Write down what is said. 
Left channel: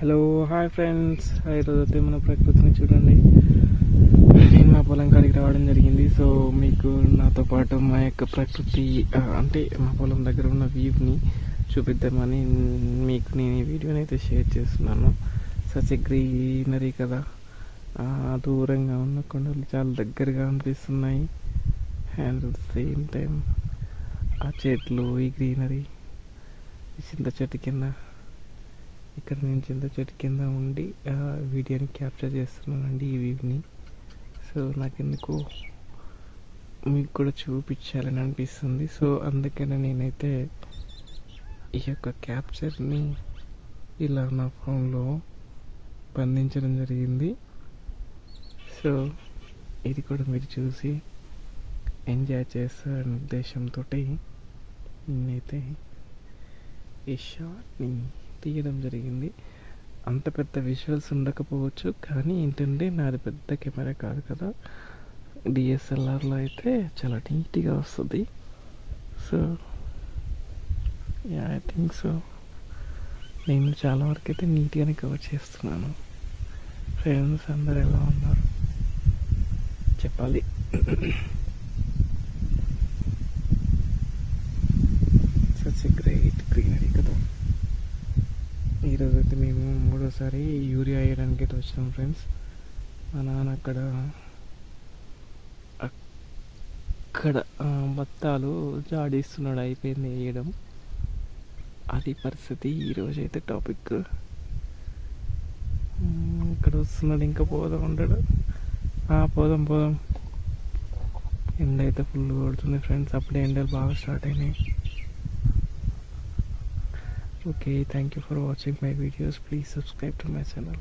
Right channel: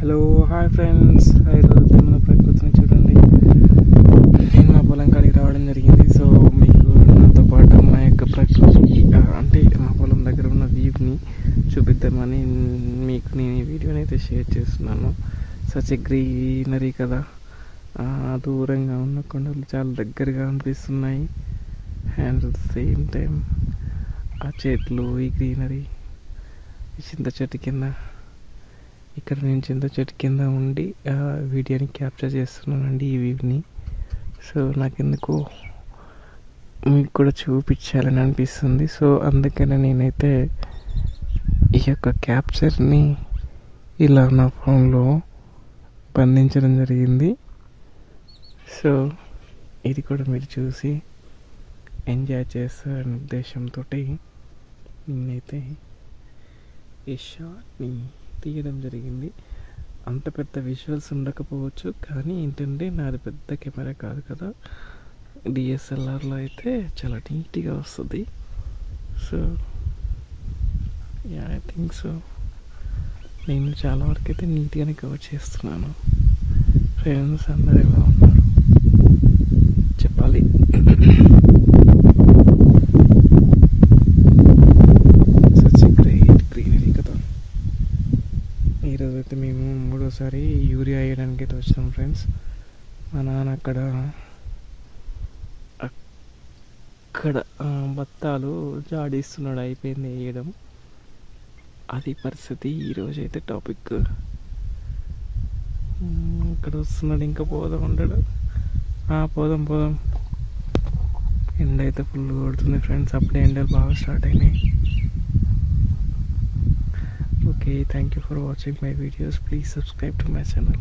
Hello hi friends, ఈరోజు మన ప్రకృతిని చూడండి. నేను మా పొలం కాడికి రావడం జరిగింది. సో మీకు నాతో పాటు మా యొక్క ప్రకృతి అంటే మా పొలం దగ్గర ఉన్న వ్యూని చూపిద్దామని మీకు నేను ఈ వీడియోని అయితే షేర్ చేస్తున్నాను. సచ్ ఎ గ్రీనరీ కదా, దూరంగా ఉన్న కొండలు చాలా దగ్గరగా అనిపిస్తున్నాయి. And at the same time ఆ చెట్లు, ఈ గ్రీనరీ, ఈ చింత చెట్టు కింద, ఇక్కడ నేను చింత చెట్టు కింద ఉండి వీడియోని క్యాప్చర్ చేస్తున్నానండి ఈ వ్యూని. సో నాకెందుకు మీకు కూడా చూపించాలని అనిపిస్తుంది. సో అందుకనే నేనైతే ఈ యొక్క క్యాప్చర్ని ఇలా నా ఫోన్లో బంధించడం జరిగింది. సో ఇది కూడా మీరు చూసి ఎంజాయ్ చేస్తారనే ఉద్దేశంతో నేనైతే ఈ షాట్ని తీయడం జరిగింది. అంత పెద్ద విజువల్స్ ఉండకపోవచ్చు, కానీ ఏంటంటే నాది పెద్ద కెమెరా కాదు కదా, డిఎస్ఎల్ఆర్లో అయితే చాలా నీట్గా వస్తుంది. సో ఐ థింక్ సో నేను చాలా వరకు అయితే నీట్గానే కవర్ చేస్తున్నాను. ఫ్రెండ్స్ అందరు ఎలా ఉన్నారు చెప్పాలి. ఈరోజు అయితే మేము మూడోసారి యూరియా వేయడానికి అయితే వచ్చినాం ఫ్రెండ్స్. మా నాన్న అక్కడ బత్తాలు జాడిస్తున్నాడు, అయిపోయింది వేయడం. అది పరిస్థితి. ఈరోజైతే టాపిక్ ఇక్కడ వస్తున్నాడు, ఇంకా పోదాం ఉంటాడు. పోదాం. ఎండ అయితే ఫుల్ కొడుతుంది ఫ్రెండ్స్, అప్పుడే ఎండలు బాగా స్టార్ట్ అయినాయి. Okay, thank you for watching my videos. Please subscribe to my channel.